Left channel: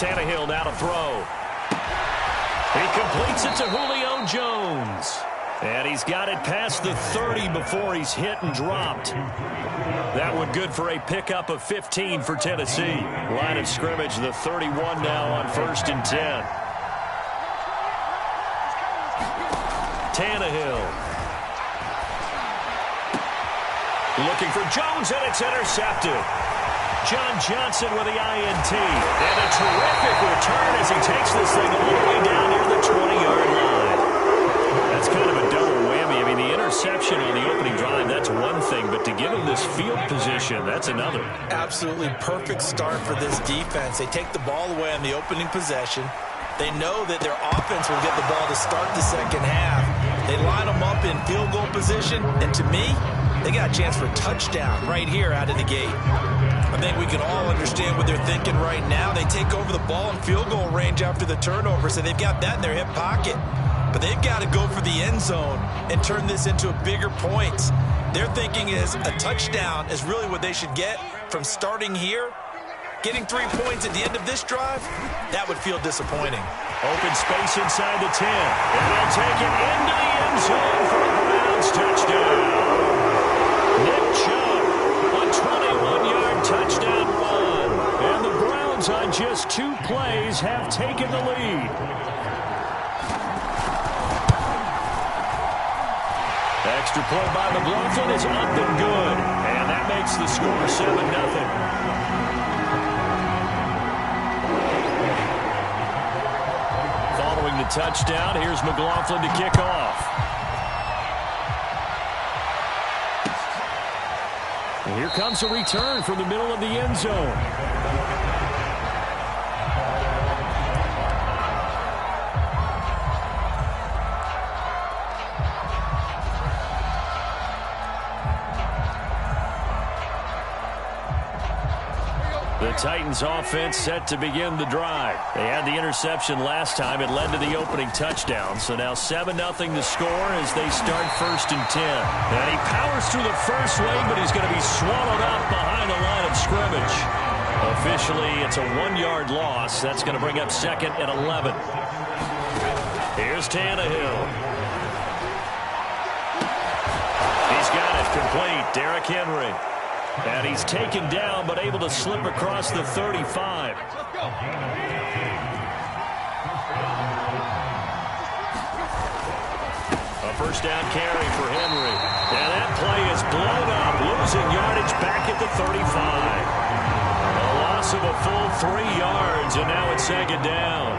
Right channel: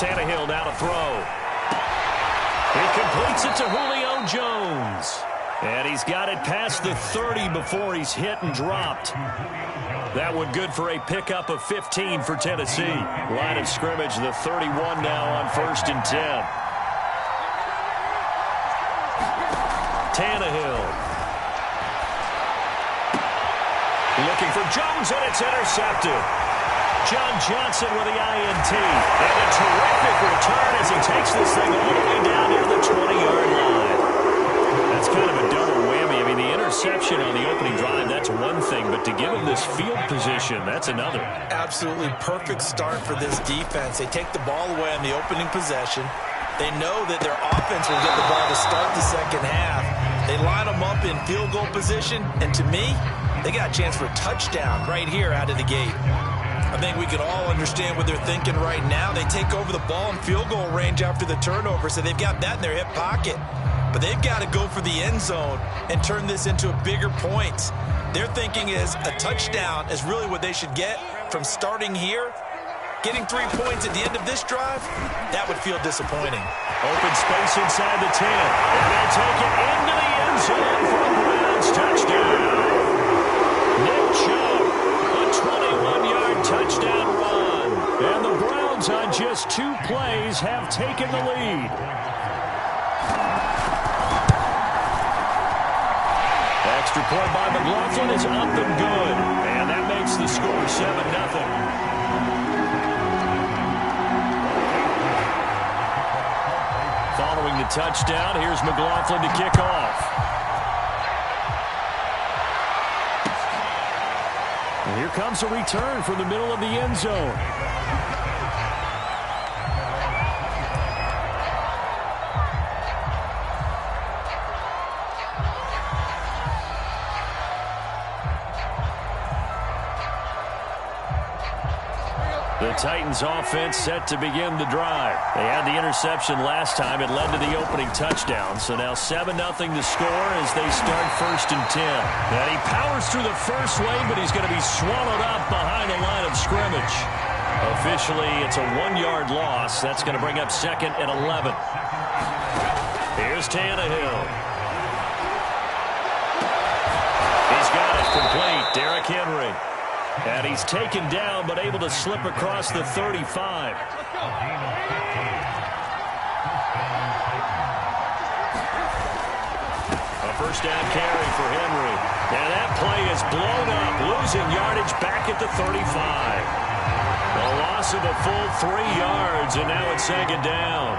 Tannehill now to throw. He completes it to Julio Jones. And he's got it past the 30 before he's hit and dropped. That one good for a pickup of 15 for Tennessee. Line of scrimmage, the 31 now on 1st and 10. Tannehill. Looking for Jones, and it's intercepted. John Johnson with the INT. And a terrific return as he takes this thing all the way down near the 20-yard line. That's kind of a double whammy. I mean, the interception on the opening drive, that's one thing, but to give him this field position, that's another. Absolutely perfect start for this defense. They take the ball away on the opening possession. They know that their offense will get the ball to start the second half. They line them up in field goal position, and to me, they got a chance for a touchdown right here out of the gate. I think we can all understand what they're thinking right now. They take over the ball in field goal range after the turnover, so they've got that in their hip pocket. But they've got to go for the end zone and turn this into bigger points. Their thinking is a touchdown is really what they should get from starting here. Getting 3 points at the end of this drive, that would feel disappointing. Open space inside the 10. And they'll take it into the end zone for a Browns touchdown. Nick Chubb, a 21-yard touchdown run. And the Browns on just 2 plays have taken the lead. Extra point by McLaughlin is up and good. And that makes the score 7-0. Following the touchdown, here's McLaughlin to kick off. And here comes a return from the middle of the end zone. The Titans offense set to begin the drive. They had the interception last time. It led to the opening touchdown. So now 7-0 to score as they start 1st and 10. And he powers through the first wave, but he's going to be swallowed up behind the line of scrimmage. Officially, it's a 1-yard loss. That's going to bring up 2nd and 11. Here's Tannehill. He's got it complete. Derrick Henry. And he's taken down, but able to slip across the 35. A first down carry for Henry. And that play is blown up, losing yardage back at the 35. A loss of a full 3 yards, and now it's 2nd down.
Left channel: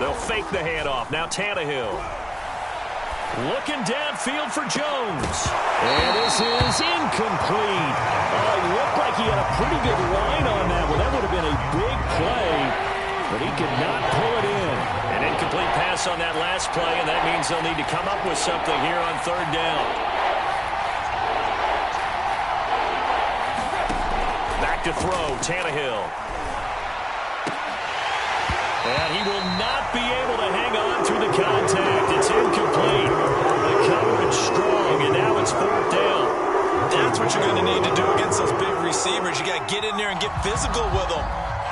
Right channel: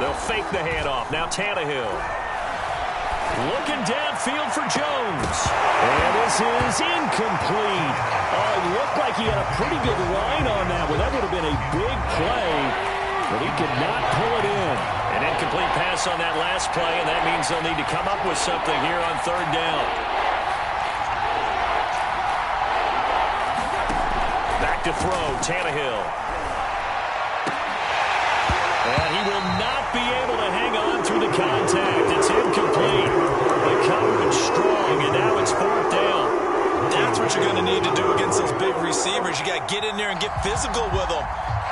They'll fake the handoff. Now Tannehill. Looking downfield for Jones. And this is incomplete. Oh, he looked like he had a pretty good line on that one. That would have been a big play, but he could not pull it in. An incomplete pass on that last play, and that means they'll need to come up with something here on 3rd down. Back to throw, Tannehill. And he will not be able to hang on through the contact. It's incomplete. The coverage strong, and now it's 4th down. That's what you're going to need to do against those big receivers. You got to get in there and get physical with them.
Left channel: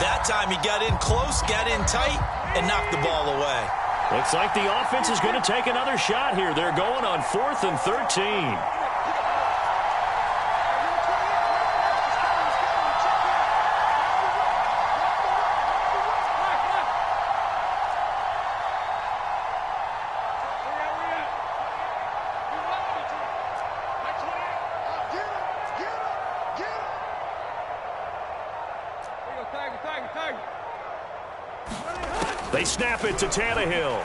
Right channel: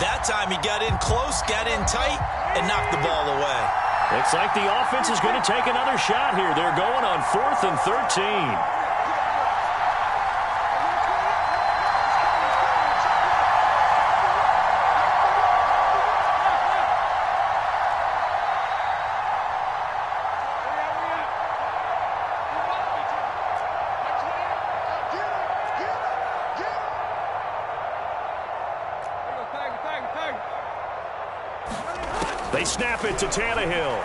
That time he got in close, got in tight, and knocked the ball away. Looks like the offense is going to take another shot here. They're going on 4th and 13. They snap it to Tannehill.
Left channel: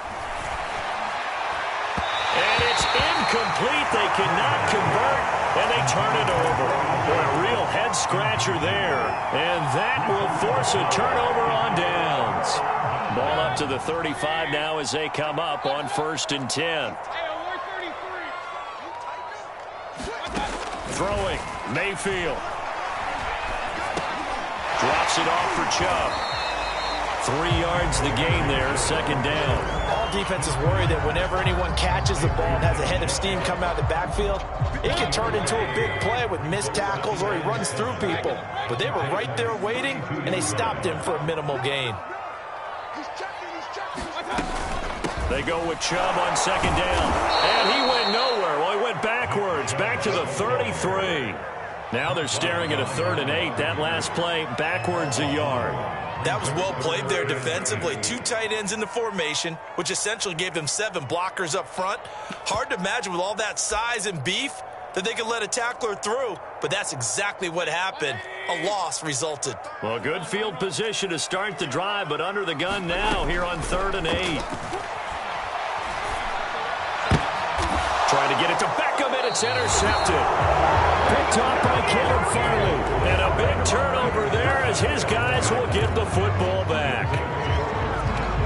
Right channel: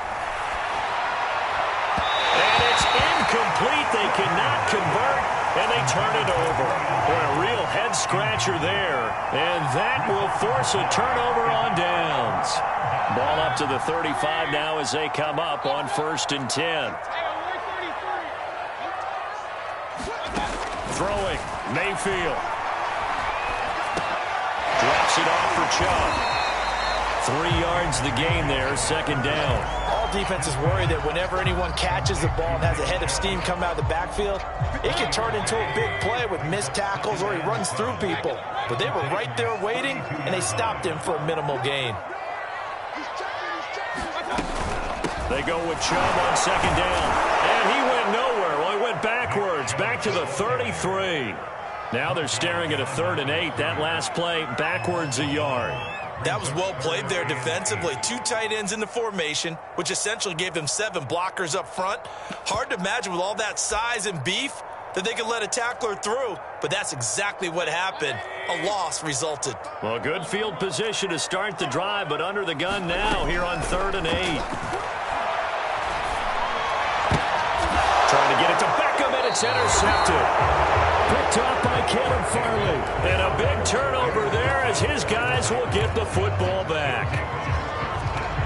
And it's incomplete. They cannot convert, and they turn it over. Boy, a real head-scratcher there. And that will force a turnover on downs. Ball up to the 35 now as they come up on 1st and 10. Throwing, Mayfield. Drops it off for Chubb. 3 yards the gain there, 2nd down. All defenses worry that whenever anyone catches the ball and has a head of steam come out of the backfield, it can turn into a big play with missed tackles or he runs through people. But they were right there waiting, and they stopped him for a minimal gain. They go with Chubb on second down. And he went nowhere. Well, he went backwards, back to the 33. Now they're staring at a 3rd and 8. That last play, backwards a yard. That was well played there defensively. 2 tight ends in the formation, which essentially gave them 7 blockers up front. Hard to imagine with all that size and beef that they could let a tackler through, but that's exactly what happened. A loss resulted. Well, good field position to start the drive, but under the gun now here on 3rd and 8. Trying to get it to Beckham, and it's intercepted. Picked off by Caleb Farley. And a big turnover there as his guys will get the football back.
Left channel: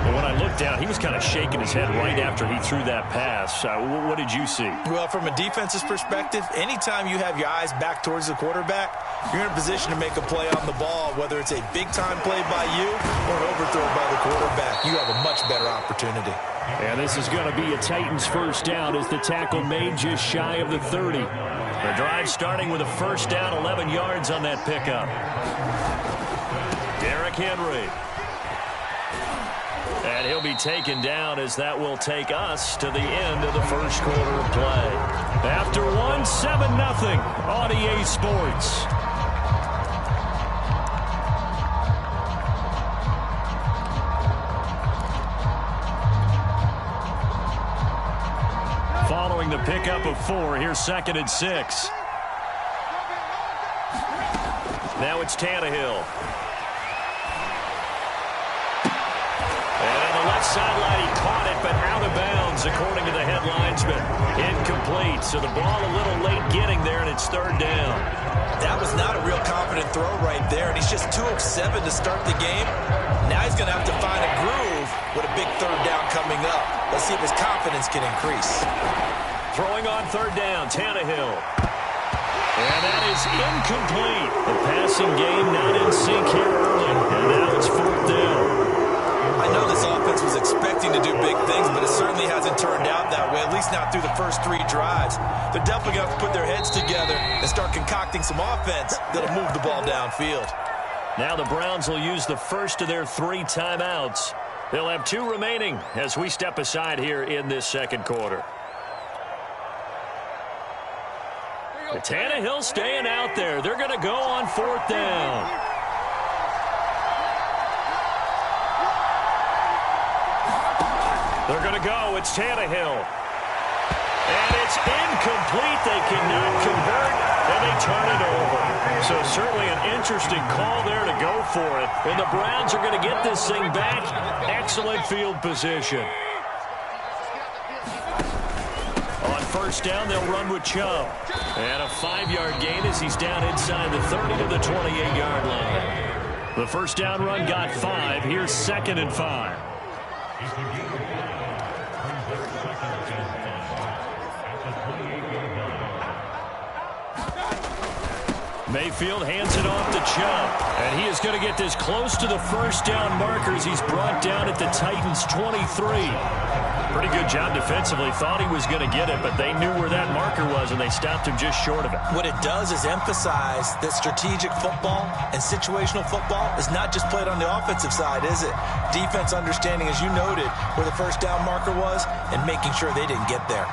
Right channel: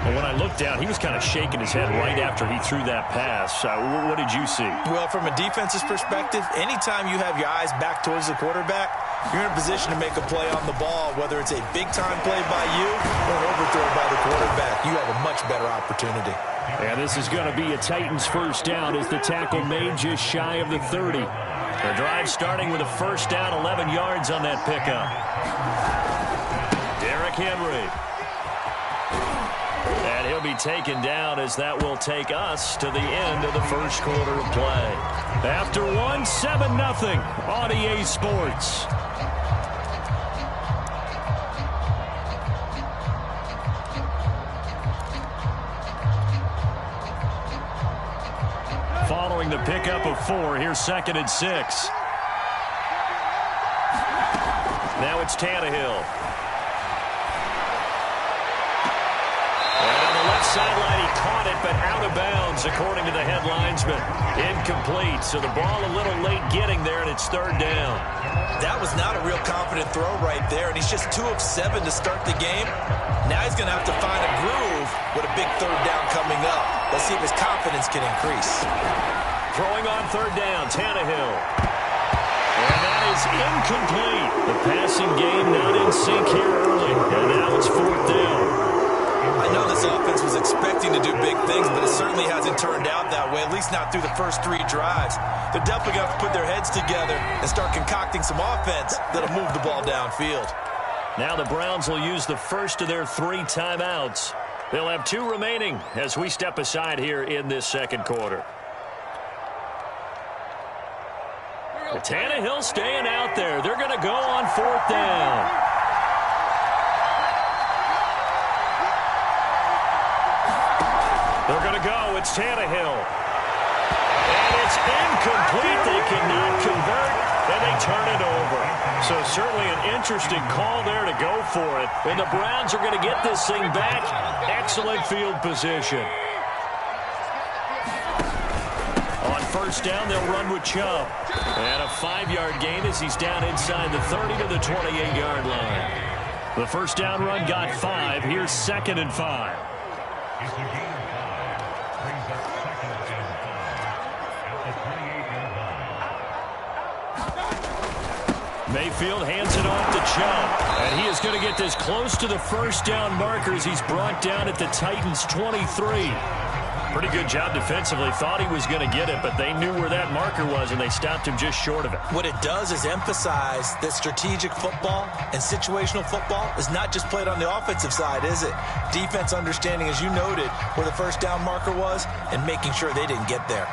Well, when I looked down, he was kind of shaking his head right after he threw that pass. What did you see? Well, from a defense's perspective, anytime you have your eyes back towards the quarterback, you're in a position to make a play on the ball, whether it's a big-time play by you or an overthrow by the quarterback. You have a much better opportunity. And this is going to be a Titans first down as the tackle made just shy of the 30. The drive starting with a first down, 11 yards on that pickup. Derrick Henry. And he'll be taken down as that will take us to the end of the first quarter of play. After one, 7-0 on EA Sports. Following the pickup of 4, here's 2nd and 6. Now it's Tannehill. And on the left sideline, he caught it, but out of bounds, according to the head linesman. Incomplete, so the ball a little late getting there, and it's 3rd down. That was not a real confident throw right there, and he's just 2 of 7 to start the game. Now he's going to have to find a groove with a big 3rd down coming up. Let's see if his confidence can increase. Throwing on 3rd down, Tannehill. And that is incomplete. The passing game not in sync here early, and now it's 4th down. I know this offense was expecting to do big things, but it certainly hasn't turned out that way, at least not through the first 3 drives. They're definitely going to have to put their heads together and start concocting some offense that'll move the ball downfield. Now the Browns will use the first of their 3 timeouts. They'll have 2 remaining as we step aside here in this second quarter. Tannehill staying out there. They're going to go on 4th down. They're going to go. It's Tannehill. And it's incomplete. They cannot convert, and they turn it over. So certainly an interesting call there to go for it. And the Browns are going to get this thing back. Excellent field position. On first down, they'll run with Chubb. And a 5-yard gain as he's down inside the 30 to the 28-yard line. The first down run got 5. Here's 2nd and 5. Mayfield hands it off to Chubb. And he is going to get this close to the first down markers. He's brought down at the Titans' 23. Pretty good job defensively. Thought he was going to get it, but they knew where that marker was, and they stopped him just short of it. What it does is emphasize that strategic football and situational football is not just played on the offensive side, is it? Defense understanding, as you noted, where the first down marker was and making sure they didn't get there.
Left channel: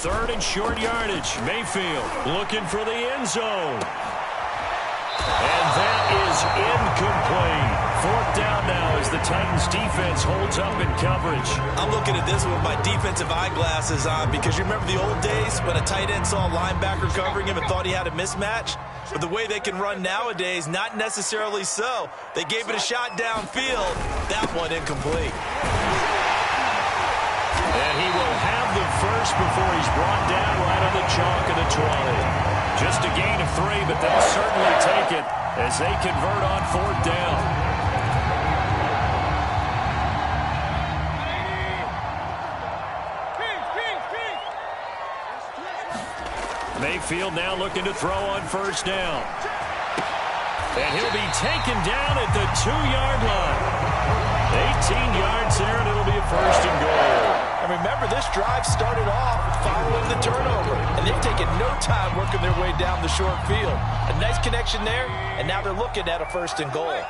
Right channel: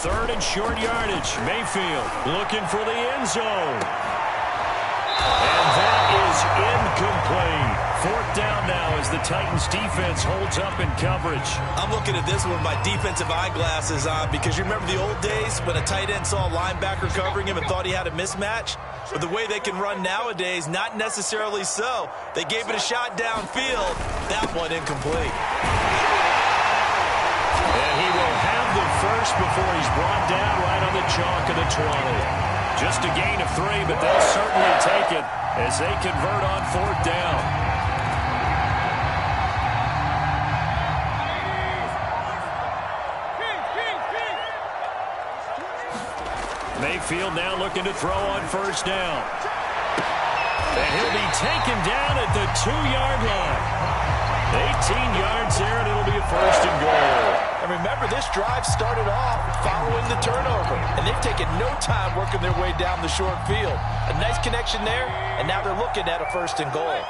Third and short yardage. Mayfield looking for the end zone. And that is incomplete. 4th down now as the Titans defense holds up in coverage. I'm looking at this with my defensive eyeglasses on because you remember the old days when a tight end saw a linebacker covering him and thought he had a mismatch? But the way they can run nowadays, not necessarily so. They gave it a shot downfield. That one incomplete. And he will have the first before he's brought down right on the chalk of the 20. Just a gain of 3, but they'll certainly take it as they convert on 4th down. Mayfield now looking to throw on first down. And he'll be taken down at the 2-yard line. 18 yards there, and it'll be a first and goal. And remember, this drive started off following the turnover, and they've taken no time working their way down the short field. A nice connection there, and now they're looking at a first and goal.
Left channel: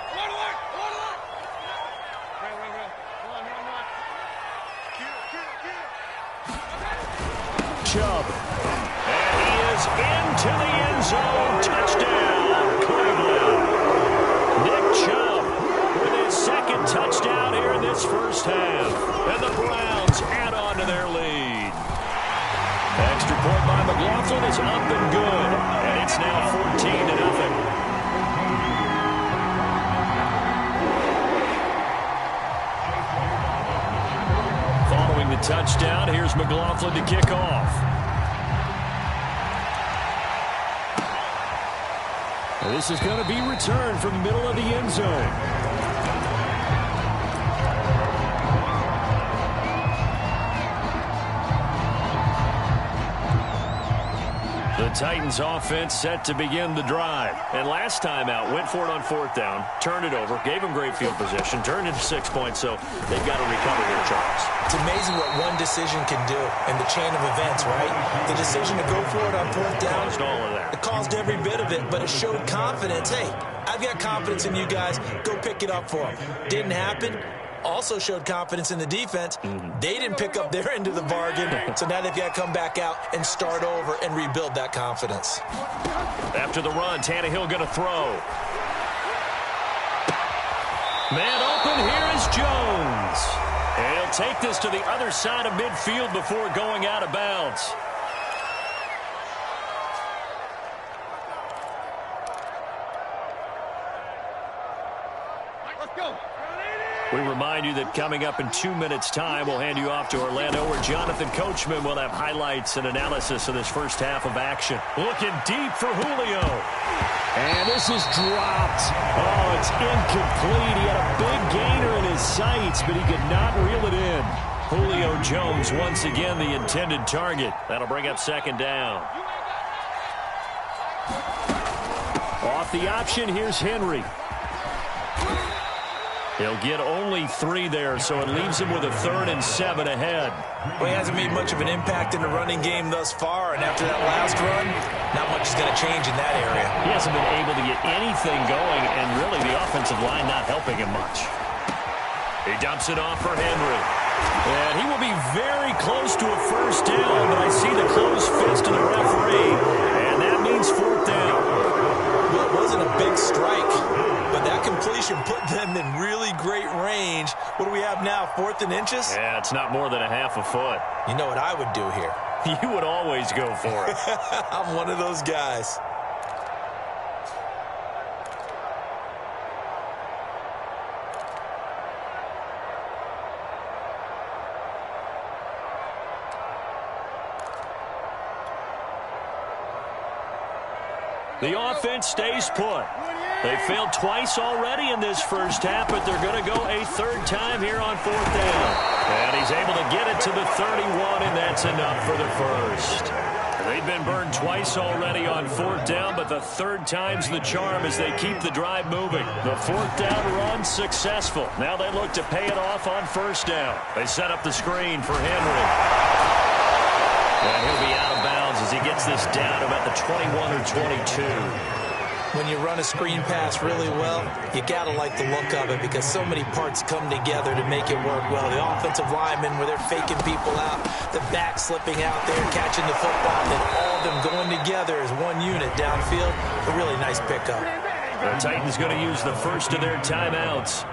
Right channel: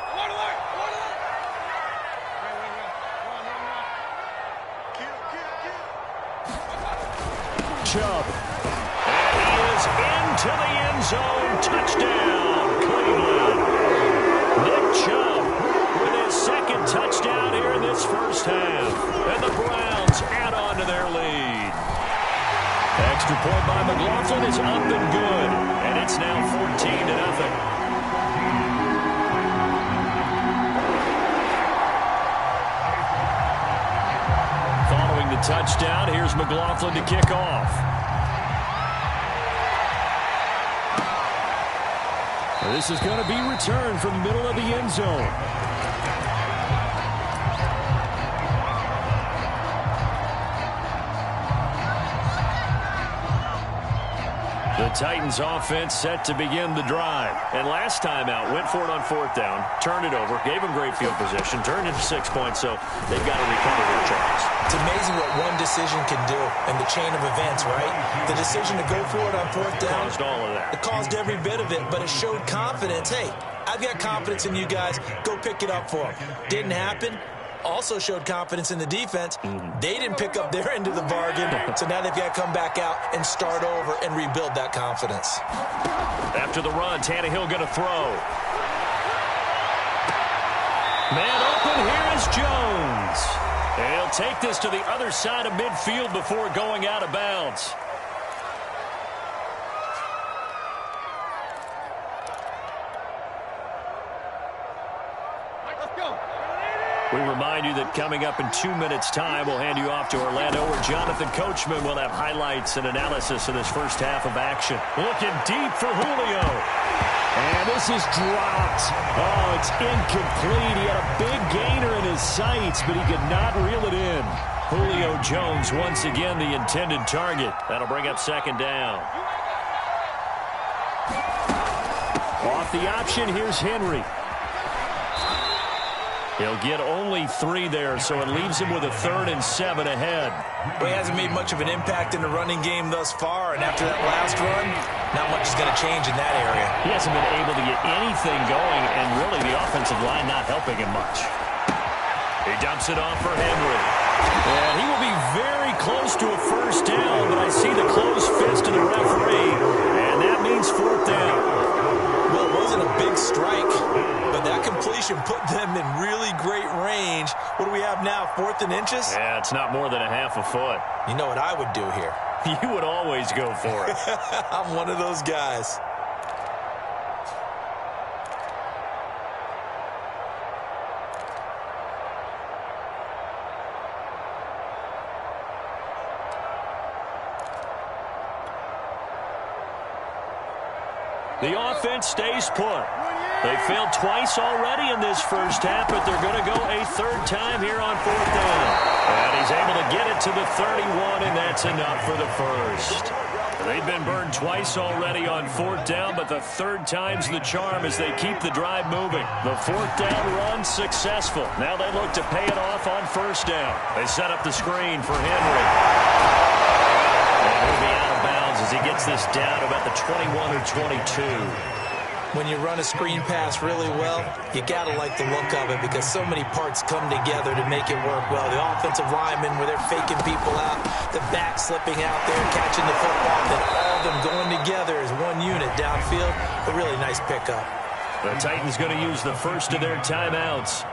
Chubb. And he is into the end zone. Touchdown, Cleveland. Nick Chubb with his second touchdown here in this first half. And the Browns add on to their lead. Extra point by McLaughlin is up and good. And it's now 14-0. Following the touchdown, here's McLaughlin to kick off. This is going to be returned from the middle of the end zone. The Titans offense set to begin the drive. And last time out, went for it on fourth down, turned it over, gave them great field position, turned into 6 points, so they've got to recover here, Charles. It's amazing what one decision can do in the chain of events, right? The decision to go for it on fourth down. Caused all of that. It caused every bit of it, but it showed confidence. Hey, I've got confidence in you guys. Go pick it up for them. Didn't happen. Also showed confidence in the defense. They didn't pick up their end of the bargain, so now they've got to come back out and start over and rebuild that confidence. After the run, Tannehill going to throw. Man open, here is Jones. And he'll take this to the other side of midfield before going out of bounds. Let's go. We remind you that coming up in 2 minutes' time, we'll hand you off to Orlando, where Jonathan Coachman will have highlights and analysis of this first half of action. Looking deep for Julio. And this is dropped. Oh, it's incomplete. He had a big gainer in his sights, but he could not reel it in. Julio Jones, once again, the intended target. That'll bring up second down. Off the option, here's Henry. He'll get only 3 there, so it leaves him with a 3rd and 7 ahead. Well, he hasn't made much of an impact in the running game thus far, and after that last run, not much is going to change in that area. He hasn't been able to get anything going, and really the offensive line not helping him much. He dumps it off for Henry. And he will be very close to a first down, but I see the closed fist of the referee, and that means 4th down. Well, it wasn't a big strike, but that completion put them in really great range. What do we have now, 4th and inches? Yeah, it's not more than a half a foot. You know what I would do here? You would always go for it. I'm one of those guys. The offense stays put. They failed twice already in this first half, but they're going to go a 3rd time here on 4th down. And he's able to get it to the 31, and that's enough for the first. They've been burned twice already on 4th down, but the 3rd time's the charm as they keep the drive moving. The 4th down run successful. Now they look to pay it off on 1st down. They set up the screen for Henry. And he'll be out of bounds as he gets this down about the 21 or 22. When you run a screen pass really well, you got to like the look of it because so many parts come together to make it work well. The offensive linemen, where they're faking people out, the back slipping out there, catching the football, then all of them going together as one unit downfield. A really nice pickup. The Titans going to use the first of their timeouts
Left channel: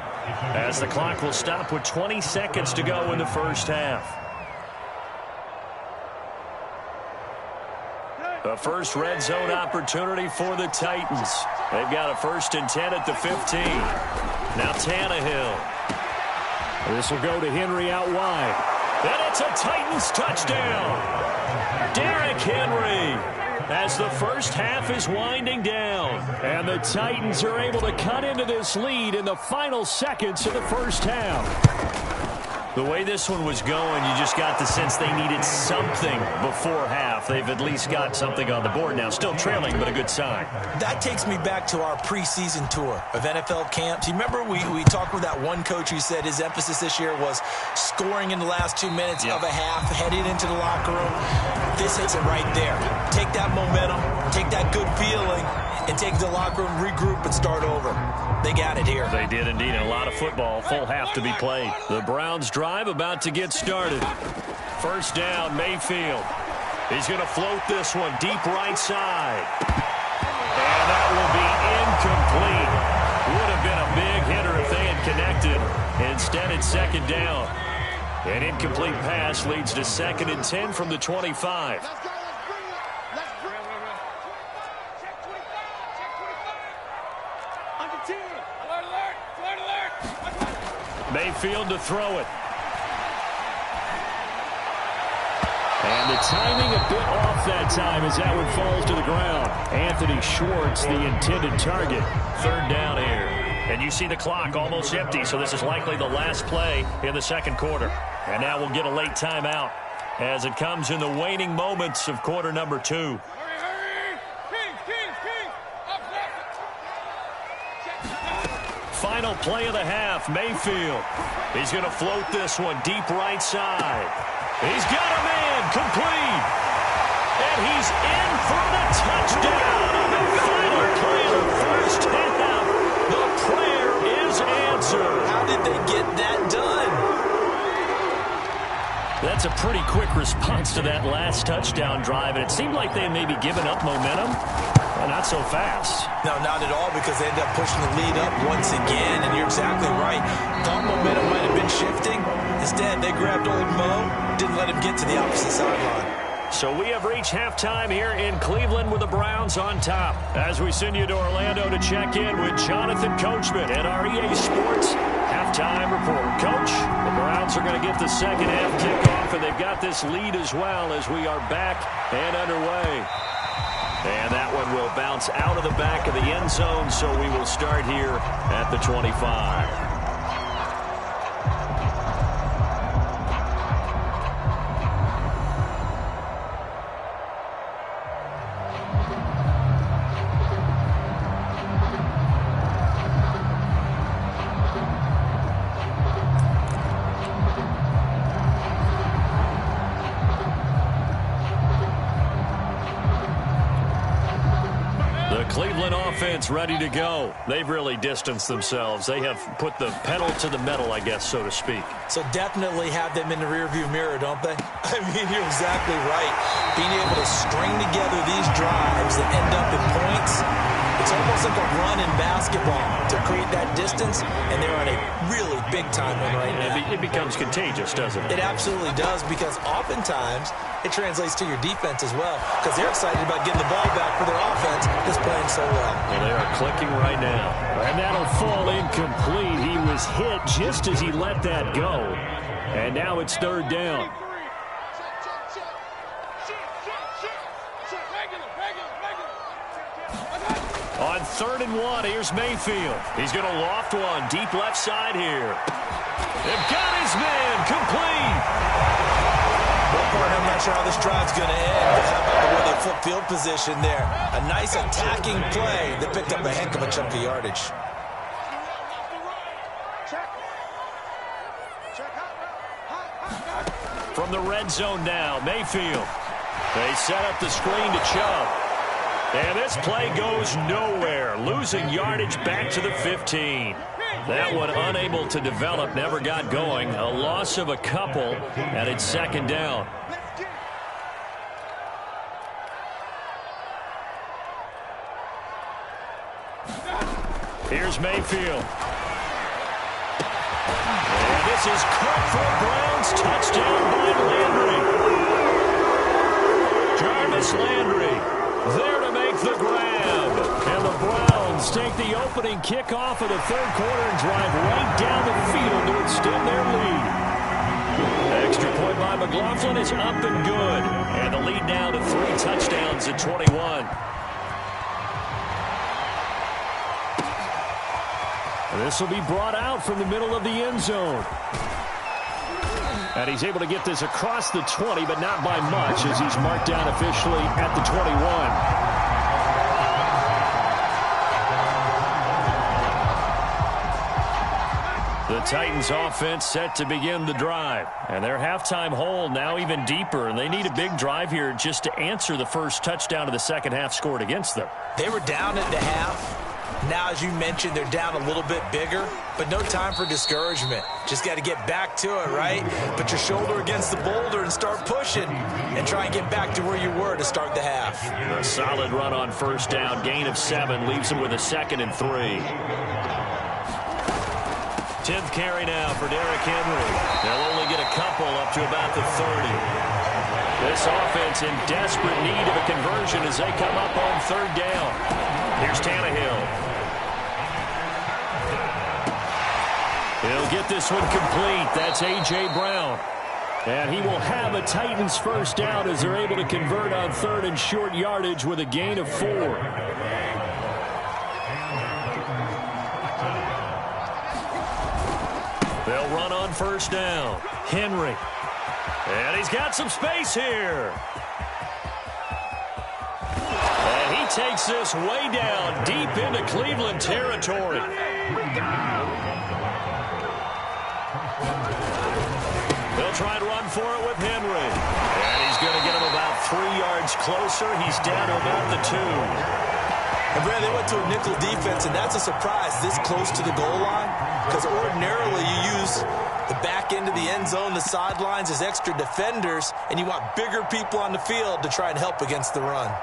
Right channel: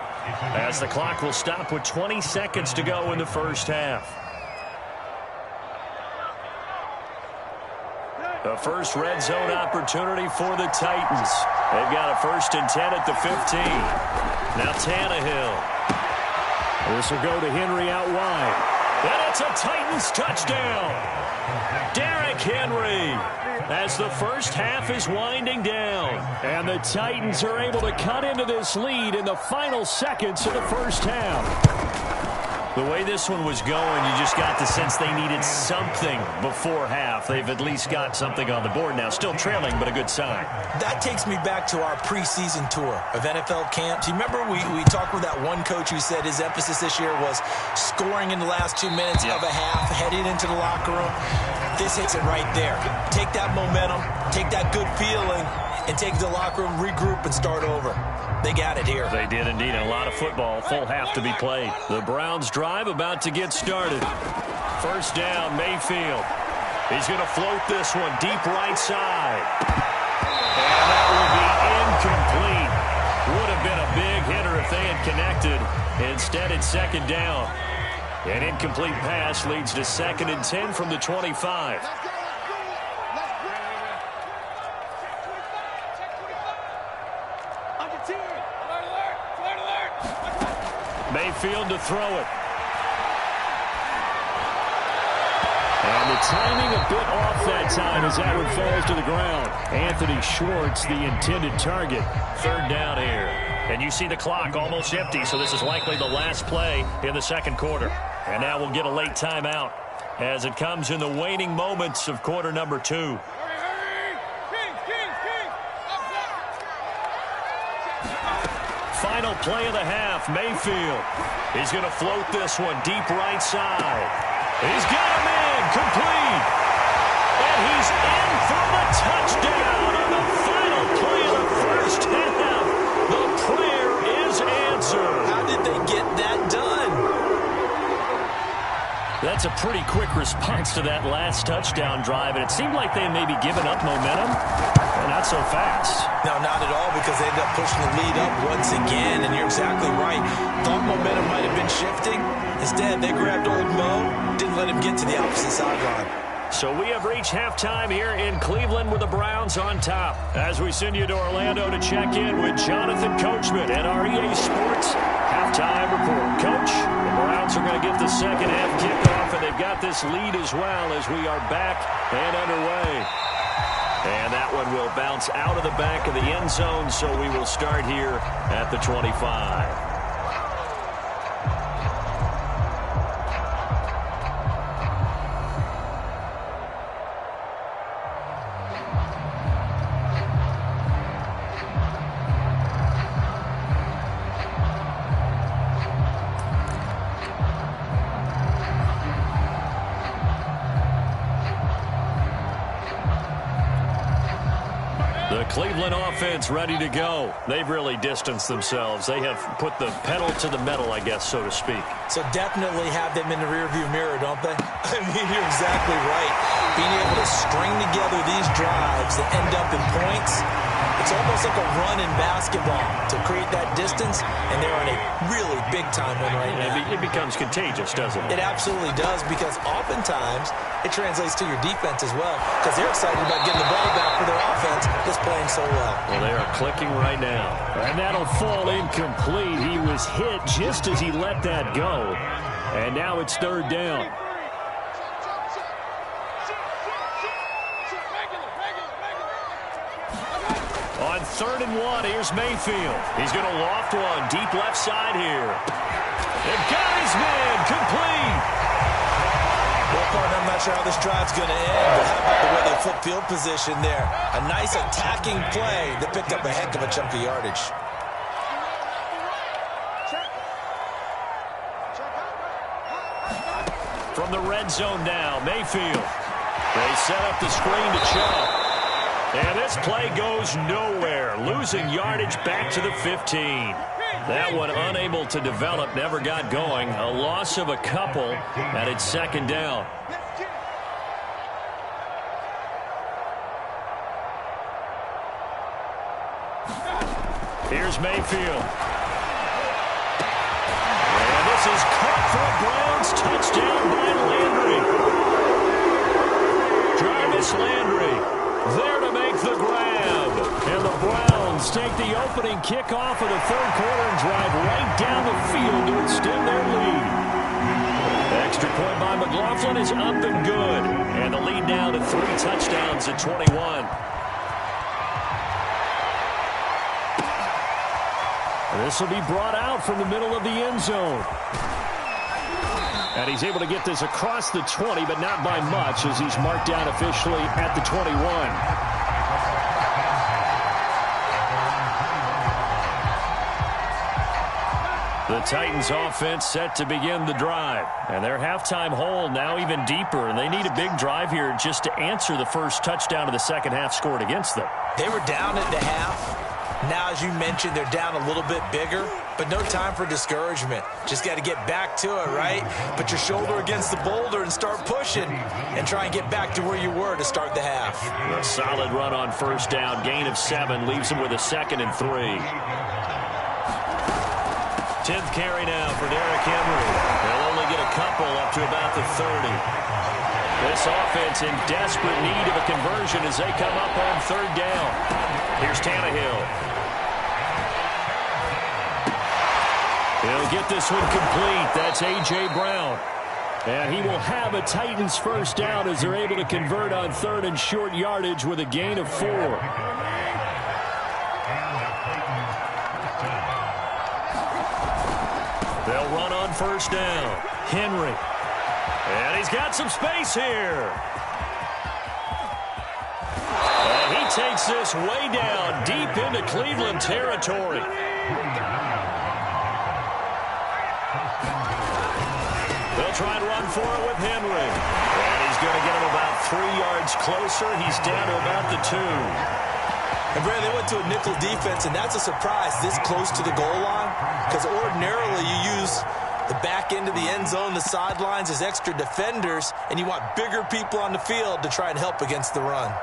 as the clock will stop with 20 seconds to go in the first half. The first red zone opportunity for the Titans. They've got a 1st and 10 at the 15. Now Tannehill. This will go to Henry out wide. And it's a Titans touchdown. Derrick Henry, as the first half is winding down. And the Titans are able to cut into this lead in the final seconds of the first half. The way this one was going, you just got the sense they needed something before half. They've at least got something on the board now. Still trailing, but a good sign. That takes me back to our preseason tour of NFL camps. You remember we talked with that one coach who said his emphasis this year was scoring in the last 2 minutes of a half, heading into the locker room. This hits it right there. Take that momentum, take that good feeling, and take it to the locker room, regroup, and start over. They got it here. They did indeed. A lot of football. Full half to be played. The Browns drive about to get started. First down, Mayfield. He's going to float this one deep right side. And that will be incomplete. Would have been a big hitter if they had connected. Instead, it's second down. An incomplete pass leads to 2nd and 10 from the 25. Mayfield to throw it. And the timing a bit off that time as that one falls to the ground. Anthony Schwartz, the intended target. Third down here. And you see the clock almost empty, so this is likely the last play in the second quarter. And now we'll get a late timeout as it comes in the waning moments of quarter number 2. Final play of the half, Mayfield. He's going to float this one deep right side. He's got a man, complete. And he's in for the touchdown on the final play of the first half. The prayer is answered. How did they get that done? That's a pretty quick response to that last touchdown drive, and it seemed like they had maybe given up momentum. Well, not so fast. No, not at all, because they ended up pushing the lead up once again, and you're exactly right. Thought momentum might have been shifting. Instead, they grabbed old Mo, didn't let him get to the opposite sideline. So we have reached halftime here in Cleveland with the Browns on top. As we send you to Orlando to check in with Jonathan Coachman at our EA Sports Halftime Report. Coach, the Browns are going to get the second half kickoff, and they've got this lead as well as we are back and underway. And that one will bounce out of the back of the end zone, so we will start here at the 25. Cleveland offense ready to go. They've really distanced themselves. They have put the pedal to the metal, I guess, so to speak. So definitely have them in the rearview mirror, don't they? I mean, you're exactly right. Being able to string together these drives that end up in points, it's almost like a run in basketball to create that distance, and they're on a really big-time one right now. It becomes contagious, doesn't it? It absolutely does, because oftentimes it translates to your defense as well, because they're excited about getting the ball back for their offense that's playing so well. Well, they are clicking right now. And that'll fall incomplete. He was hit just as he let that go. And now it's third down. On 3rd and 1, here's Mayfield. He's going to loft one deep left side here. They've got his man complete. Well, partner, I'm not sure how this drive's going to end, but how about the way they flip field position there? A nice attacking play that picked up a heck of a chunk of yardage. From the red zone now, Mayfield. They set up the screen to Chubb. And this play goes nowhere, losing yardage back to the 15. That one unable to develop, never got going. A loss of a couple, and it's second down. Here's Mayfield. And this is caught for a Browns touchdown by Landry. Jarvis Landry there to make the grab. And the Browns take the opening kickoff of the third quarter and drive right down the field to extend their lead. Extra point by McLaughlin is up and good. And the lead now to 3 touchdowns at 21. This will be brought out from the middle of the end zone. And he's able to get this across the 20, but not by much, as he's marked down officially at the 21. The Titans offense set to begin the drive. And their halftime hole now even deeper, and they need a big drive here just to answer the first touchdown of the second half scored against them. They were down at the half. Now, as you mentioned, they're down a little bit bigger, but no time for discouragement. Just got to get back to it, right? Put your shoulder against the boulder and start pushing and try and get back to where you were to start the half. A solid run on first down. Gain of 7 leaves them with a 2nd and 3. 10th carry now for Derrick Henry. They'll only get a couple up to about the 30. This offense in desperate need of a conversion as they come up on 3rd down. Here's Tannehill. He'll get this one complete. That's A.J. Brown. And he will have a Titans first down as they're able to convert on 3rd and short yardage with a gain of 4. They'll run on first down. Henry. And he's got some space here. And he takes this way down deep into Cleveland territory. They'll try and run for it with Henry. And he's going to get him about 3 yards closer. He's down to about the 2. And, Brad, they went to a nickel defense, and that's a surprise this close to the goal line, because ordinarily you use the back end of the end zone, the sidelines as extra defenders, and you want bigger people on the field to try and help against the run.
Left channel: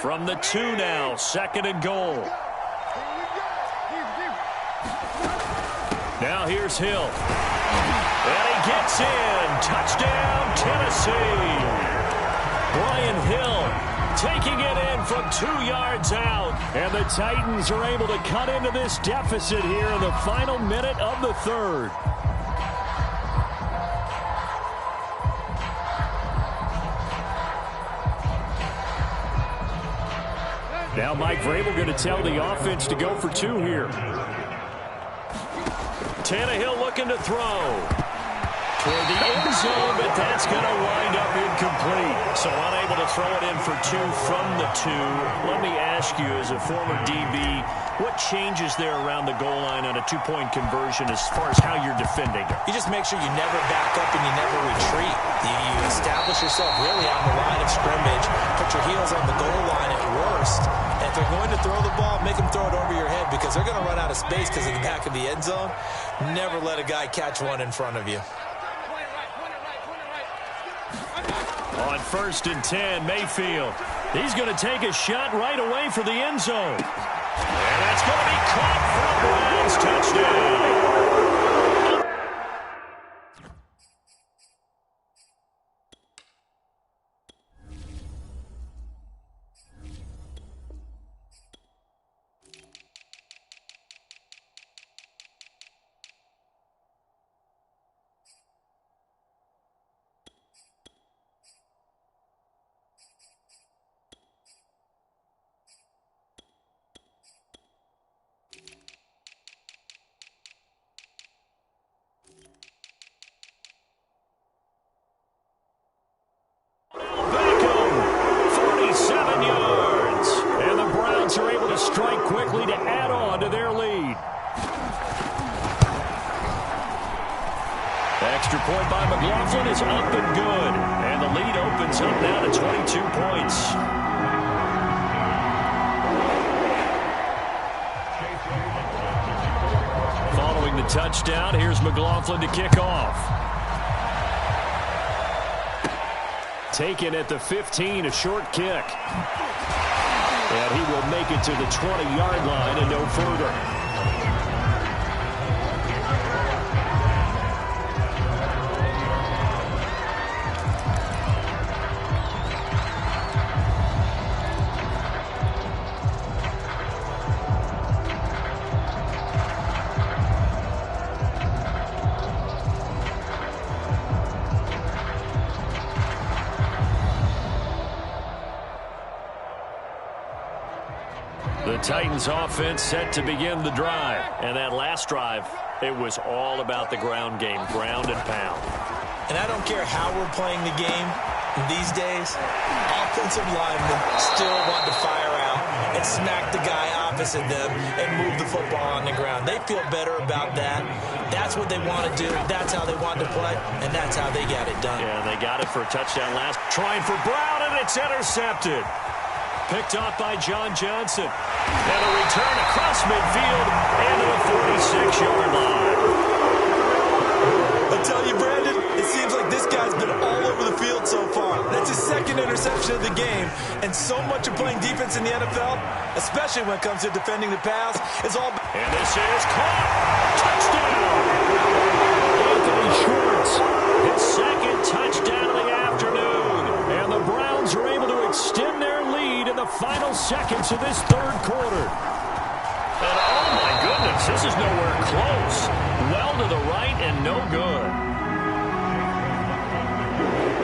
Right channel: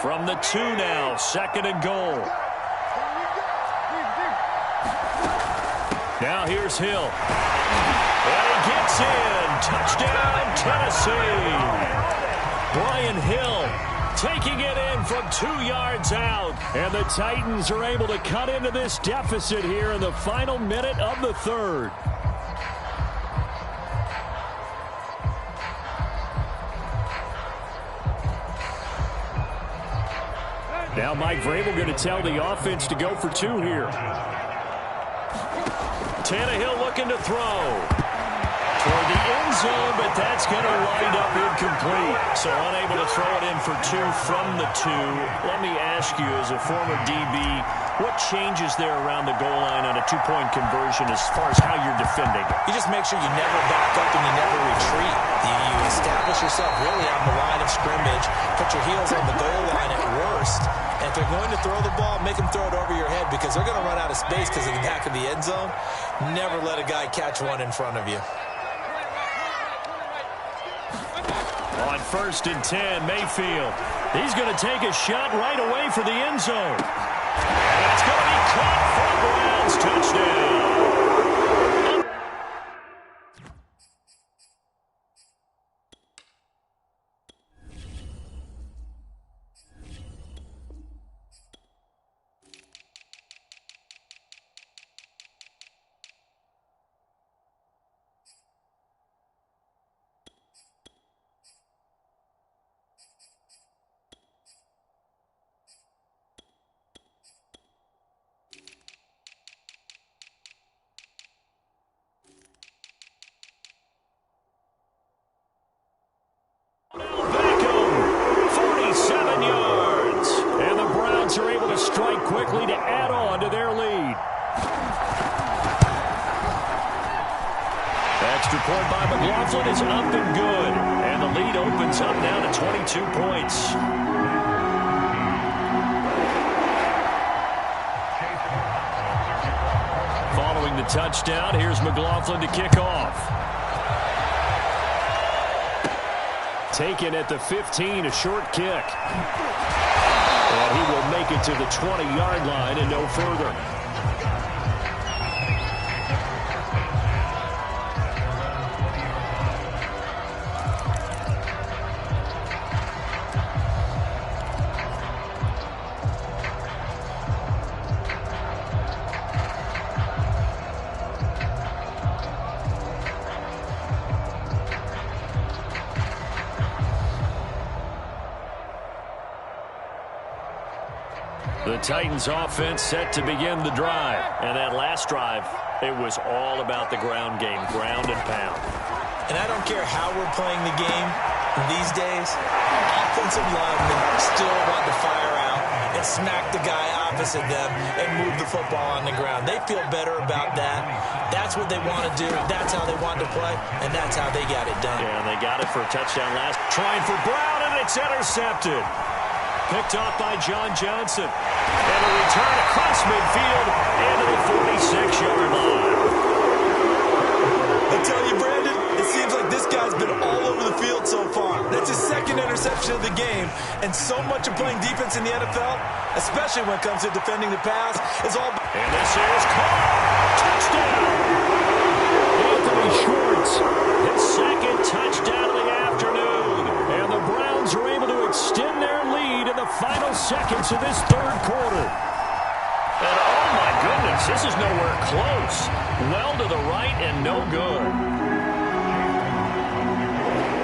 From the 2 now, 2nd and goal. Now here's Hill. And he gets in. Touchdown, Tennessee. Brian Hill taking it in from 2 yards out. And the Titans are able to cut into this deficit here in the final minute of the 3rd. Now Mike Vrabel going to tell the offense to go for 2 here. Tannehill looking to throw. Toward the end zone, but that's going to wind up incomplete. So unable to throw it in for 2 from the 2. Let me ask you, as a former DB, what changes there around the goal line on a 2-point conversion as far as how you're defending it? You just make sure you never back up and you never retreat. You establish yourself really on the line of scrimmage, put your heels on the goal line at worst. And if they're going to throw the ball, make them throw it over your head, because they're going to run out of space because of the back of the end zone. Never let a guy catch one in front of you. On 1st and 10, Mayfield. He's going to take a shot right away for the end zone. And that's going to be caught for a Browns touchdown. Are able to strike quickly to add on to their lead. Extra point by McLaughlin is up and good. And the lead opens up now to 22 points. Following the touchdown, here's McLaughlin to kick off. Taken at the 15, a short kick. And he will make it to the 20-yard line and no further. The Titans offense set to begin the drive. And that last drive, it was all about the ground game, ground and pound. And I don't care how we're playing the game these days, offensive linemen still want to fire out and smack the guy opposite them and move the football on the ground. They feel better about that. That's what they want to do. That's how they want to play, and that's how they got it done. Yeah, and they got it for a touchdown last. Trying for Brown, and it's intercepted. Picked off by John Johnson. And a return across midfield into the 46-yard line. I tell you, Brandon, it seems like this guy's been all over the field so far. That's his second interception of the game. And so much of playing defense in the NFL, especially when it comes to defending the pass, is all... And this is caught. Touchdown. Anthony Schwartz, his second touchdown of the afternoon. And the Browns are able to extend their lead in the final seconds of this third quarter. And oh my goodness, this is nowhere close. Well to the right and no good.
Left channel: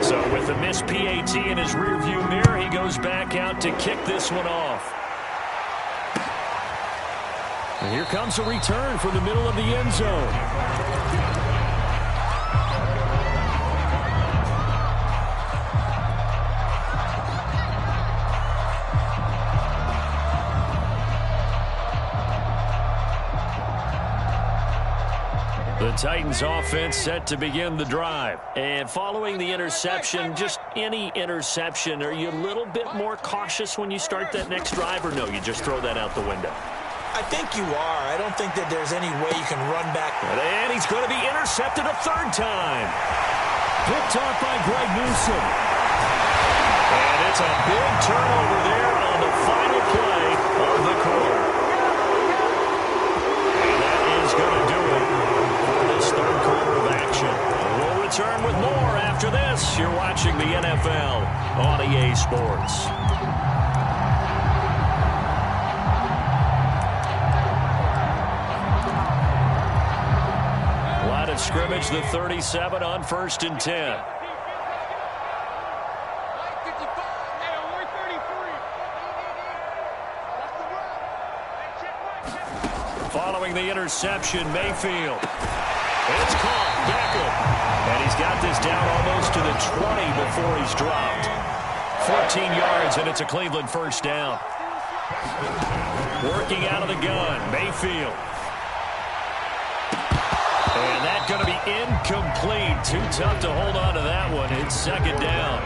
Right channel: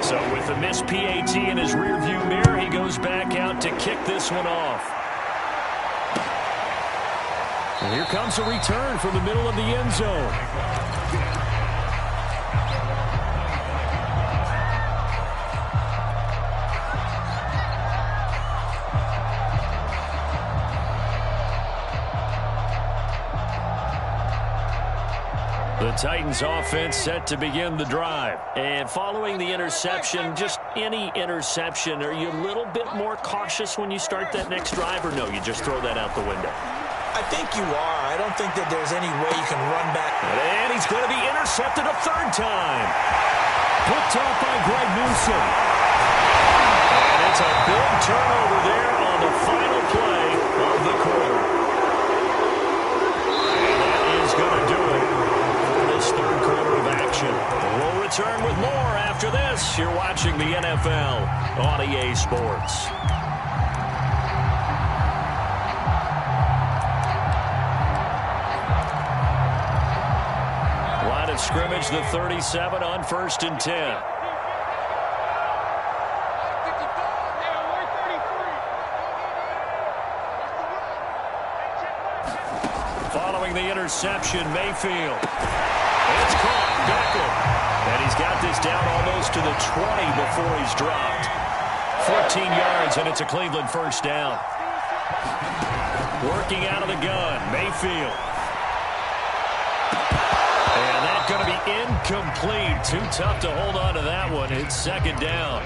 So with the missed PAT in his rearview mirror, he goes back out to kick this one off. And here comes a return from the middle of the end zone. The Titans offense set to begin the drive. And following the interception, just any interception, are you a little bit more cautious when you start that next drive, or no, you just throw that out the window? I think you are. I don't think that there's any way you can run back. And he's going to be intercepted a third time. Picked off by Greg Newsome. And it's a big turnover there on the final play of the quarter. And that is going to do it for this third quarter of action. We'll return with more after this. You're watching the NFL on EA Sports. Line of scrimmage, the 37 on 1st and 10. Following the interception, Mayfield. It's caught. Beckham. And he's got this down almost to the 20 before he's dropped. 14 yards, and it's a Cleveland first down. Working out of the gun, Mayfield. And that's going to be incomplete. Too tough to hold on to that one. It's second down.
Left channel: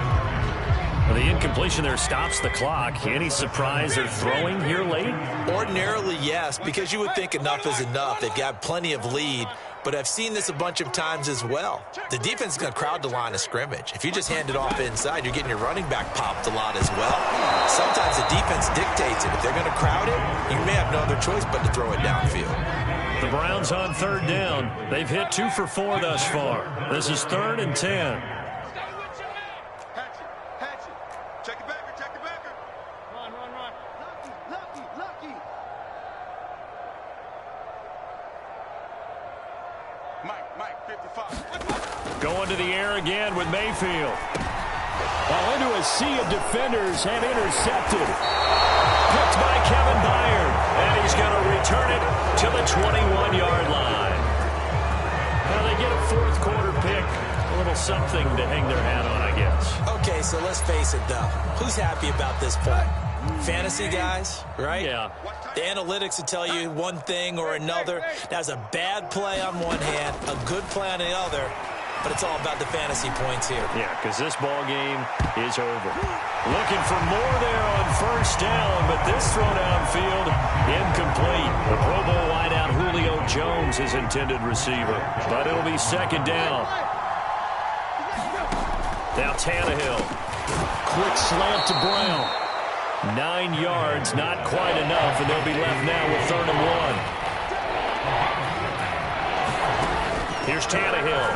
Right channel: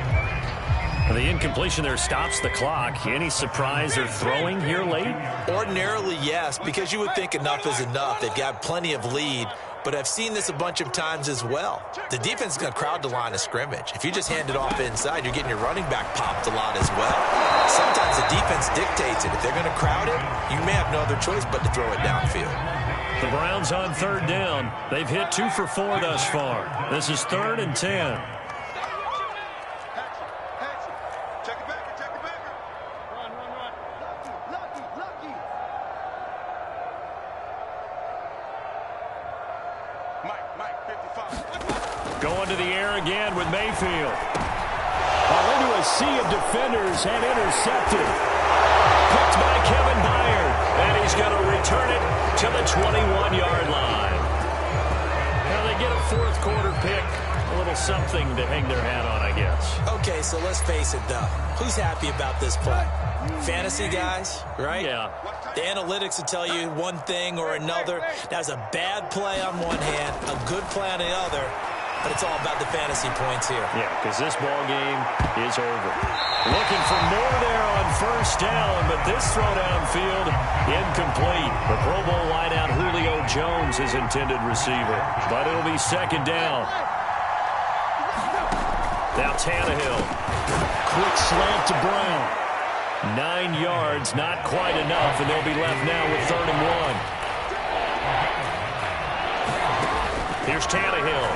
The incompletion there stops the clock. Any surprise they're throwing here late? Ordinarily, yes, because you would think enough is enough. They've got plenty of lead, but I've seen this a bunch of times as well. The defense is going to crowd the line of scrimmage. If you just hand it off inside, you're getting your running back popped a lot as well. Sometimes the defense dictates it. If they're going to crowd it, you may have no other choice but to throw it downfield. The Browns on third down. They've hit 2 for 4 thus far. This is 3rd and 10. Going to the air again with Mayfield. Well, into a sea of defenders and intercepted. Picked by Kevin Byard. And he's going to return it to the 21-yard line. Now they get a fourth quarter pick. A little something to hang their hat on, I guess. Okay, so let's face it, though. Who's happy about this play? Fantasy guys, right? Yeah. The analytics will tell you one thing or another. That's a bad play on one hand, a good play on the other, but it's all about the fantasy points here. Yeah, because this ball game is over. Looking for more there on first down, but this throw downfield incomplete. The Pro Bowl wideout Julio Jones, his intended receiver, but it'll be second down. Now Tannehill. Quick slant to Brown. 9 yards, not quite enough, and they'll be left now with 3rd and 1. Here's Tannehill.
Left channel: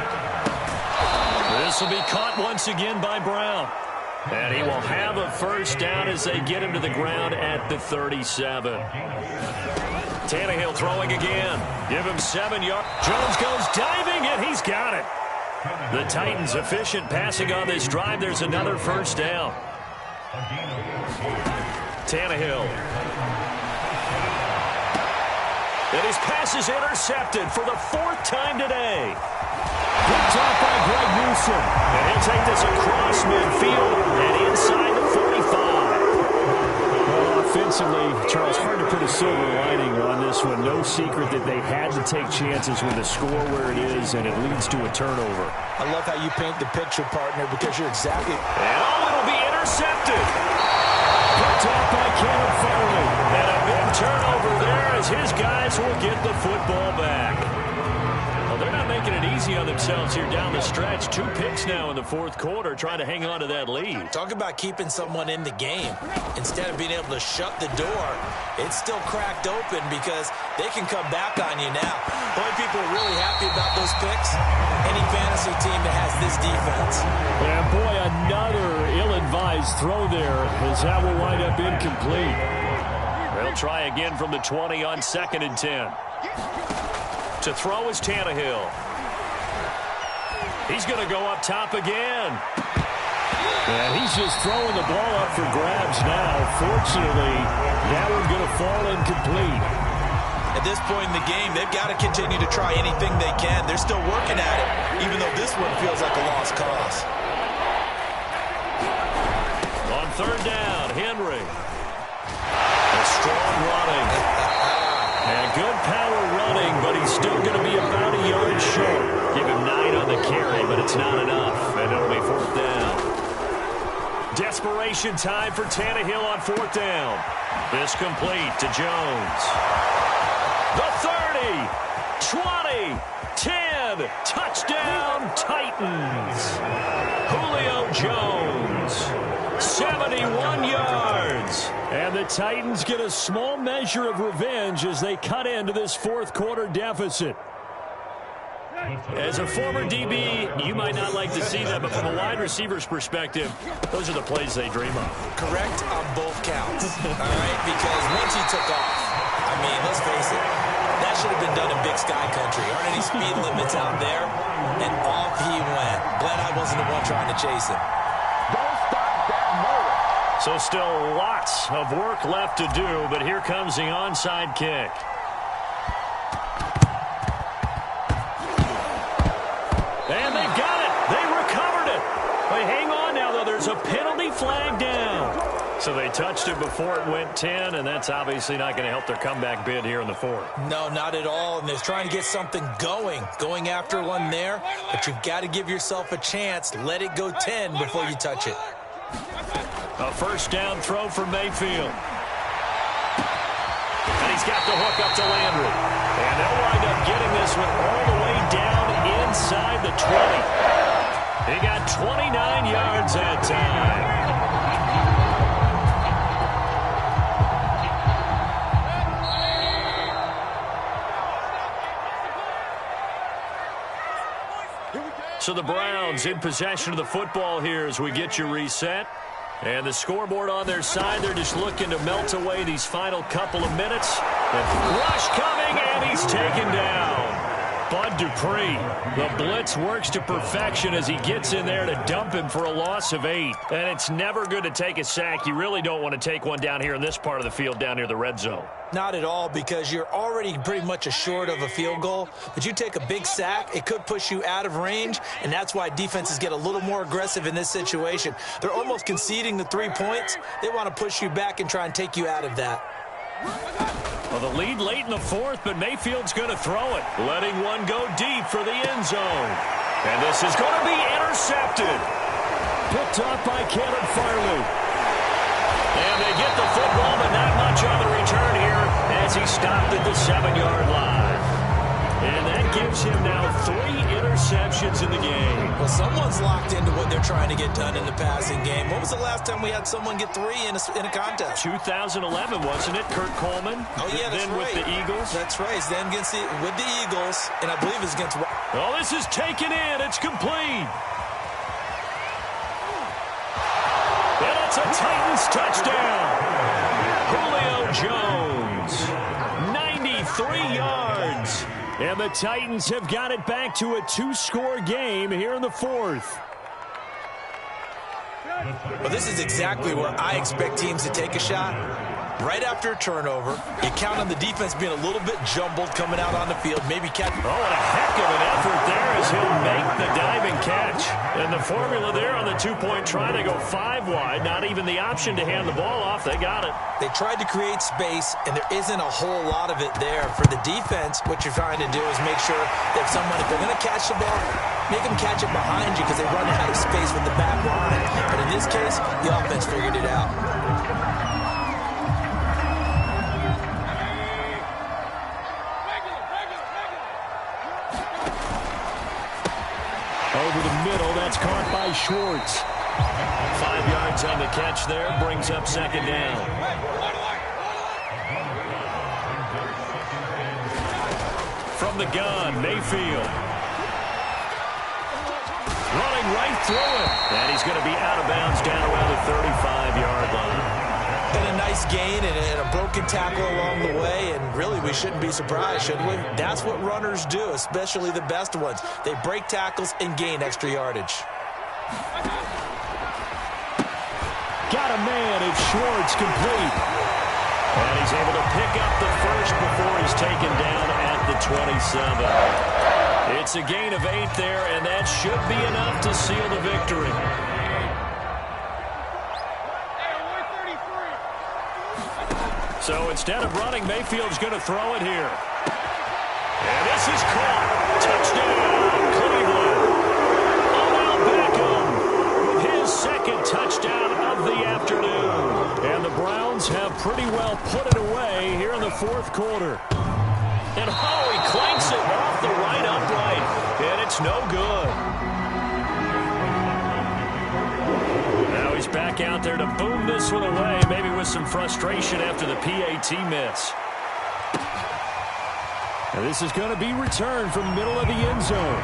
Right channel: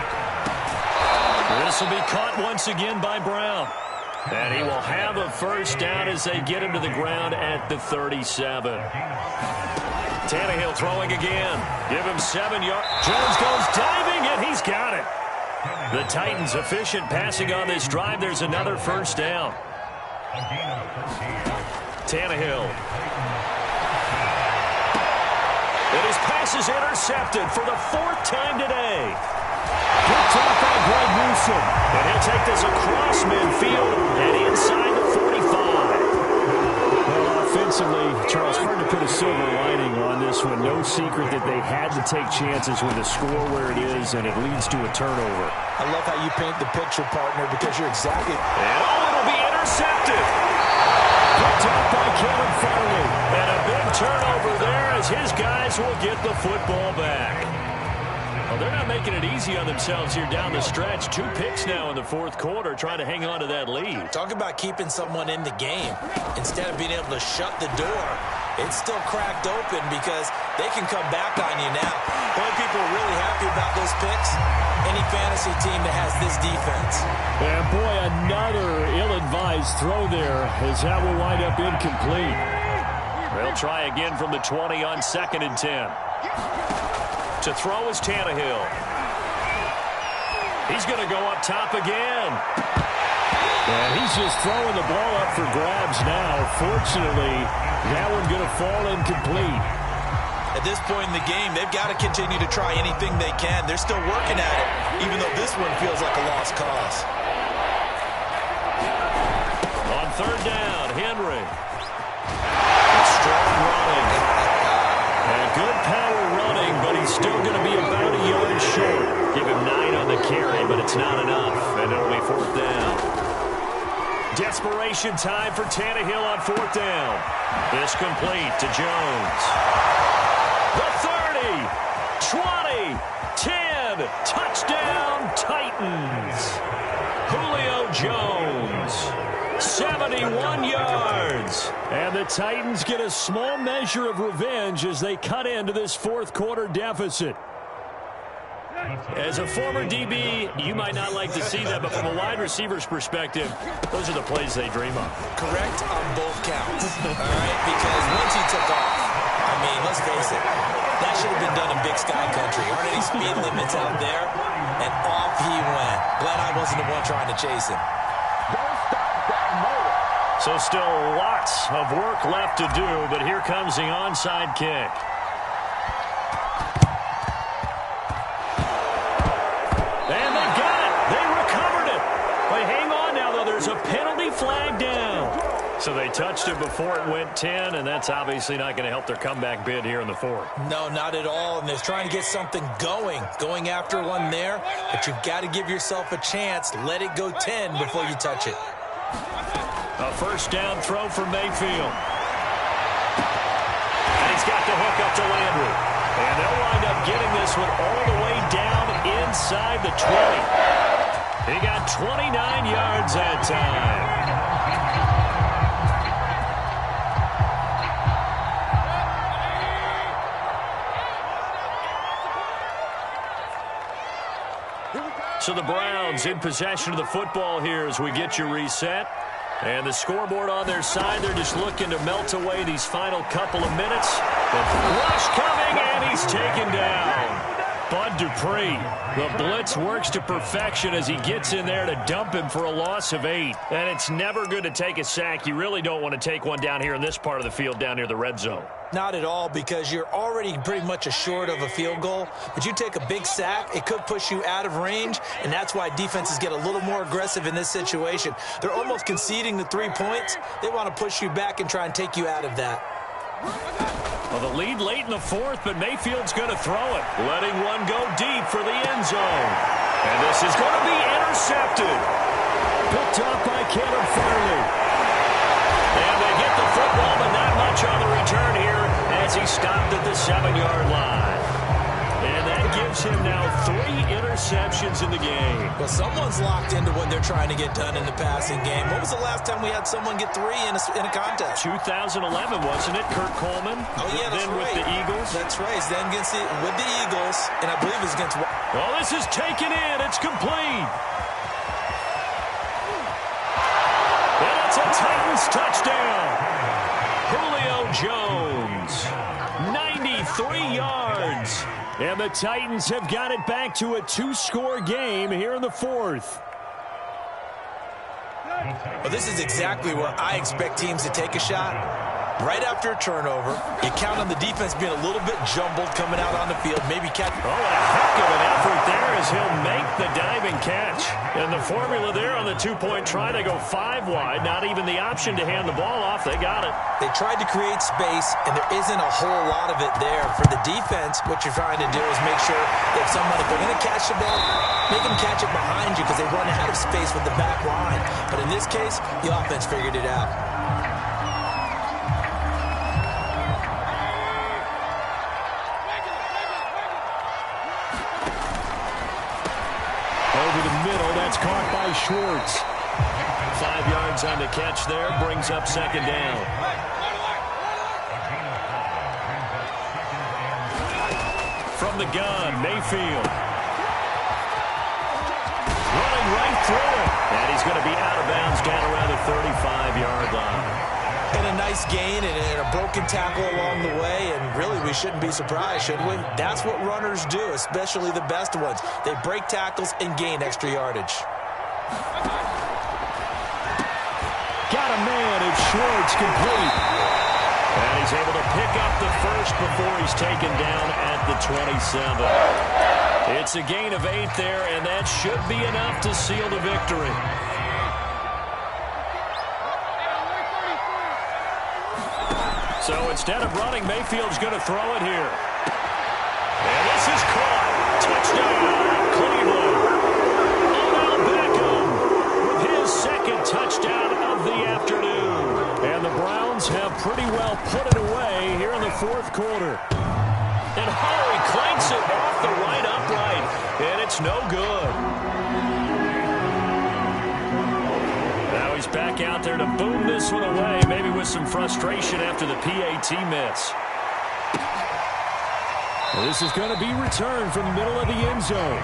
This will be caught once again by Brown. And he will have a first down as they get him to the ground at the 37. Tannehill throwing again. Give him 7 yards. Jones goes diving, and he's got it. The Titans efficient passing on this drive. There's another first down. Tannehill. And his pass is intercepted for the 4th time today. Picked off by Greg Newsome. And he'll take this across midfield and inside the 45. Well, offensively, Charles, hard to put a silver lining on this one. No secret that they had to take chances with the score where it is, and it leads to a turnover. I love how you paint the picture, partner, because you're exactly... And it'll be intercepted. Picked off by Caleb Farley. And a big turnover there as his guys will get the football back. Well, they're not making it easy on themselves here down the stretch. 2 picks now in the 4th quarter, trying to hang on to that lead. Talk about keeping someone in the game. Instead of being able to shut the door, it's still cracked open because they can come back on you now. The only people really happy about those picks, any fantasy team that has this defense. And boy, another ill-advised throw there as that will wind up incomplete. They'll try again from the 20 on 2nd and 10. To throw is Tannehill. He's going to go up top again. And he's just throwing the ball up for grabs now. Fortunately, that one going to fall incomplete. At this point in the game, they've got to continue to try anything they can. They're still working at it, even though this one feels like a lost cause. On 3rd down, Henry. A strong running. And good power running, but he's still going to be about a yard short. Give him 9 on the carry, but it's not enough, and it'll be 4th down. Desperation time for Tannehill on 4th down. This complete to Jones. The 30, 20, 10, touchdown Titans. Julio Jones. 71 yards. And the Titans get a small measure of revenge as they cut into this 4th quarter deficit. As a former DB, you might not like to see that, but from a wide receiver's perspective, those are the plays they dream of. Correct on both counts, all right? Because once he took off, I mean, let's face it, that should have been done in Big Sky Country. Aren't any speed limits out there? And off he went. Glad I wasn't the one trying to chase him. So still lots of work left to do, but here comes the onside kick. And they've got it. They recovered it. But hang on now, though. There's a penalty flag down. So they touched it before it went 10, and that's obviously not going to help their comeback bid here in the 4th. No, not at all. And they're trying to get something going after one there. But you've got to give yourself a chance. Let it go 10 before you touch it. A 1st down throw for Mayfield. And he's got the hook up to Landry. And they'll wind up getting this one all the way down inside the 20. He got 29 yards that time. So the Browns in possession of the football here as we get you reset. And the scoreboard on their side, they're just looking to melt away these final couple of minutes. And rush coming, and he's taken down. Bud Dupree. The blitz works to perfection as he gets in there to dump him for a loss of 8. And it's never good to take a sack. You really don't want to take one down here in this part of the field down near the red zone. Not at all, because you're already pretty much assured of a field goal. But you take a big sack, it could push you out of range, and that's why defenses get a little more aggressive in this situation. They're almost conceding the 3 points. They want to push you back and try and take you out of that. Well, the lead late in the 4th, but Mayfield's going to throw it, letting one go deep for the end zone. And this is going to be intercepted. Picked off by Caleb Farley. And they get the football, but not much on the return here as he stopped at the 7-yard line. And that gives him now 3 interceptions in the game. Well, someone's locked into what they're trying to get done in the passing game. When was the last time we had someone get 3 in a contest? 2011, wasn't it? Kurt Coleman. Oh, yeah, that's then right. With the Eagles. That's right. Then with the Eagles, and I believe it's against... Oh, this is taken in. It's complete. And it's a Titans touchdown. Julio Jones, 93 yards. And the Titans have got it back to a 2-score game here in the 4th. Well, this is exactly where I expect teams to take a shot. Right after a turnover, you count on the defense being a little bit jumbled coming out on the field. Maybe catch. Oh, and a heck of an effort there as he'll make the diving catch. And the formula there on the two-point try, they go 5 wide. Not even the option to hand the ball off. They got it. They tried to create space, and there isn't a whole lot of it there. For the defense, what you're trying to do is make sure that if they're going to catch the ball, make them catch it behind you because they run out of space with the back line. But in this case, the offense figured it out. Over the middle, that's caught by Schwartz. 5 yards on the catch there, brings up second down. From the gun, Mayfield. Running right through it. And he's going to be out of bounds down around the 35-yard line. And a nice gain and a broken tackle along the way, and really we shouldn't be surprised, should we? That's what runners do, especially the best ones. They break tackles and gain extra yardage. Got a man, it's Schwartz, complete. And he's able to pick up the first before he's taken down at the 27. It's a gain of 8 there, and that should be enough to seal the victory. So instead of running, Mayfield's going to throw it here. And this is caught. Touchdown, Cleveland. Odell Beckham with his second touchdown of the afternoon. And the Browns have pretty well put it away here in the fourth quarter. And he clanks it off the right upright. And it's no good. Now he's back out there to boom this one away, maybe with some frustration after the PAT miss. And this is going to be returned from the middle of the end zone.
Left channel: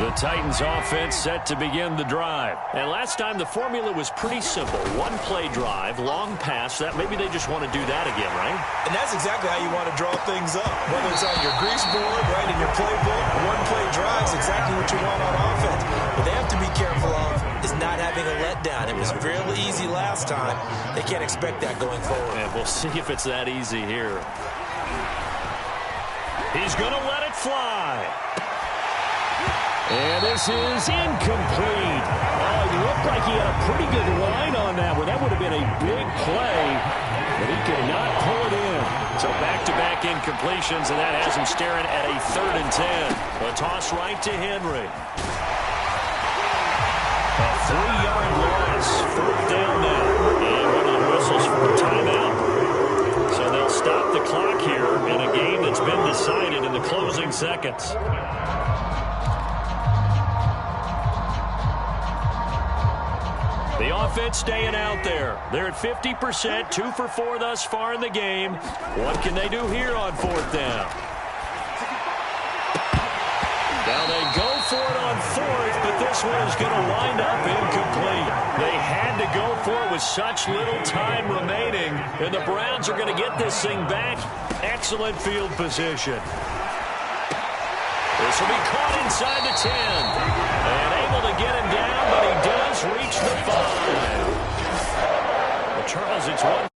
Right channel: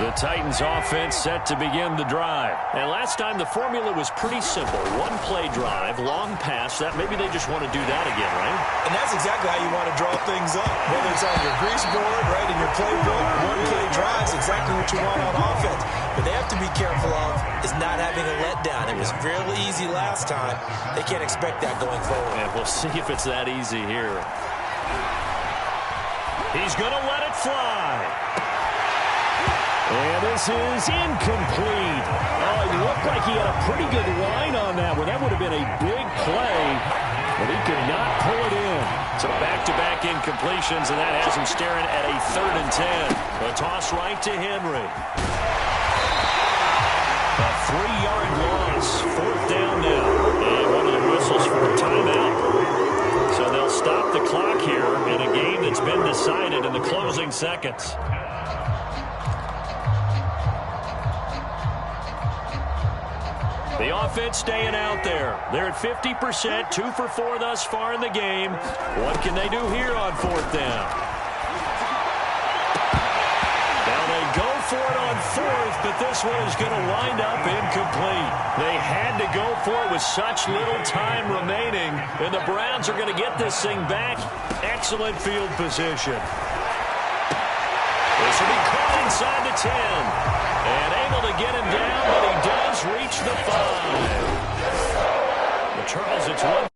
The Titans offense set to begin the drive. And last time the formula was pretty simple. One play drive, long pass. That maybe they just want to do that again, right? And that's exactly how you want to draw things up. Whether it's on your grease board, right, in your playbook, one play drive is exactly what you want on offense. What they have to be careful of is not having a letdown. It was real easy last time. They can't expect that going forward. And we'll see if it's that easy here. He's going to let it fly. And this is incomplete. Oh, it looked like he had a pretty good line on that one. That would have been a big play, but he could not pull it in. So back-to-back incompletions, and that has him staring at a 3rd and 10. A toss right to Henry. A 3-yard loss. 4th down now. And one of the whistles for a timeout. So they'll stop the clock here in a game that's been decided in the closing seconds. The offense staying out there. They're at 50%, 2 for 4 thus far in the game. What can they do here on 4th down? Now they go for it on 4th, but this one is going to wind up incomplete. They had to go for it with such little time remaining, and the Browns are going to get this thing back. Excellent field position. This will be caught inside the 10. And able to get him down, but he does reach the 5. Well, Charles, it's one.